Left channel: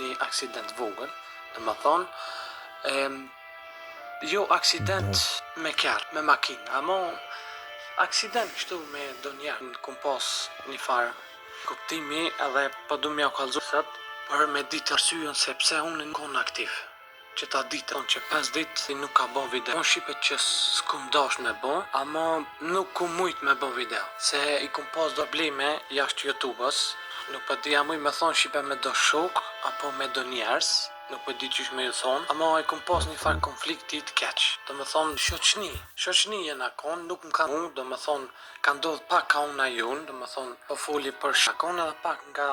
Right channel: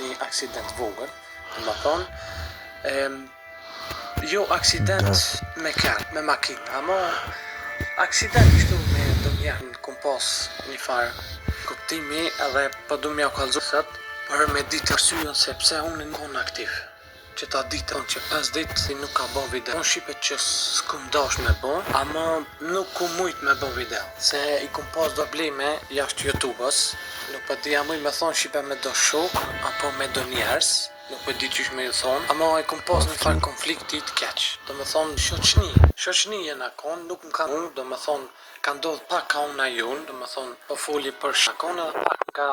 një aksident vogël, do të thonë, jo aksident me kerr, me makinë, ama aksident kështu me ndonjëherë kom pas një farë kuptimi edhe po du m'ja kallëzu sot për me ditë arsyeën se pse unë nuk jam aktiv. Që ta ditë që 5 ditë si nuk ka bën video. Unë shqipe që s'kum dash me bën, ama nuk kum mujt me bën video. Se i kum pas probleme jashtë YouTube-s. Nuk po di jam me thon shqipe me do shok apo me do njerëz. Nuk po di çish me ju thon, ama i kum pas një farë konflikti të keq. Do me thon shoqni jena kon, nuk më kanë unë, do me thon ka ndodh pak ka unë a jun, do me thon po foli për shakon edhe pak nga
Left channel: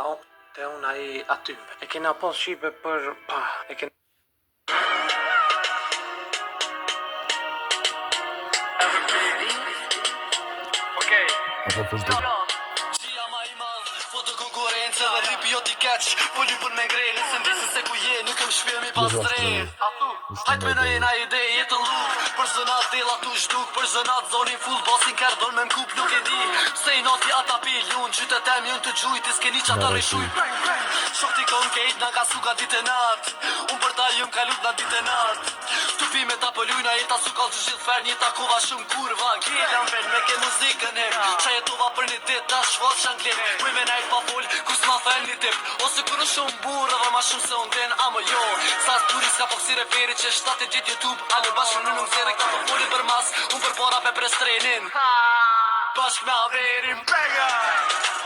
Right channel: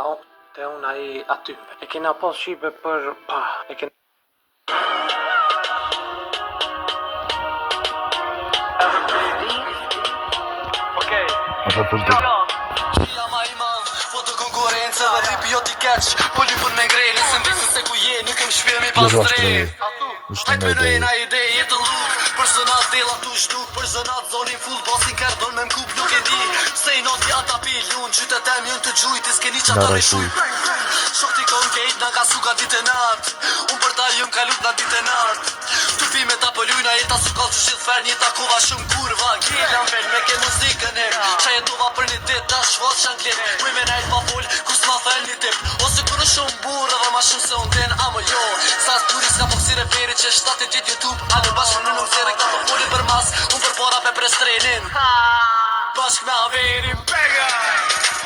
te unë ai aty. E kena pas shqipe për pa, e kena Apo për të Foto konkurencë dhe ripi jo t'i keq Po lypën me ngrejnë Se mbesën se ku je Nuk më shpjemi pas drejt Hajt me nëjna ide jetë luk Për zënat dela tu shduk Për zënat zonin full Basin kërë don me m'kup nuk e di Se i noti ata pilun Qytet e mjën të gjujt I s'keni qa ta reshuj Shok t'i kon kejt Nga ka suka ditë e nart Unë për ta jëm kalut nga ditë e nart Tupi me ta pëllujna Jeta su kall që gjithë fer Njeta kova shumë kurva Gjelan ven me ke muzikën e Qa jetova për një dit Ta shfaq shanglit Kuj me najt pa full Kus ma fel një tip Ose kërë shumë burë Dhe ma shumë se unë den Amo jo Sa s'duri s'ka foksire veri Që shtate gjithë YouTube A në bashkë në nuk zere Këta po foli për mas Unë për para pe pres trenin Bashkë me averim Bega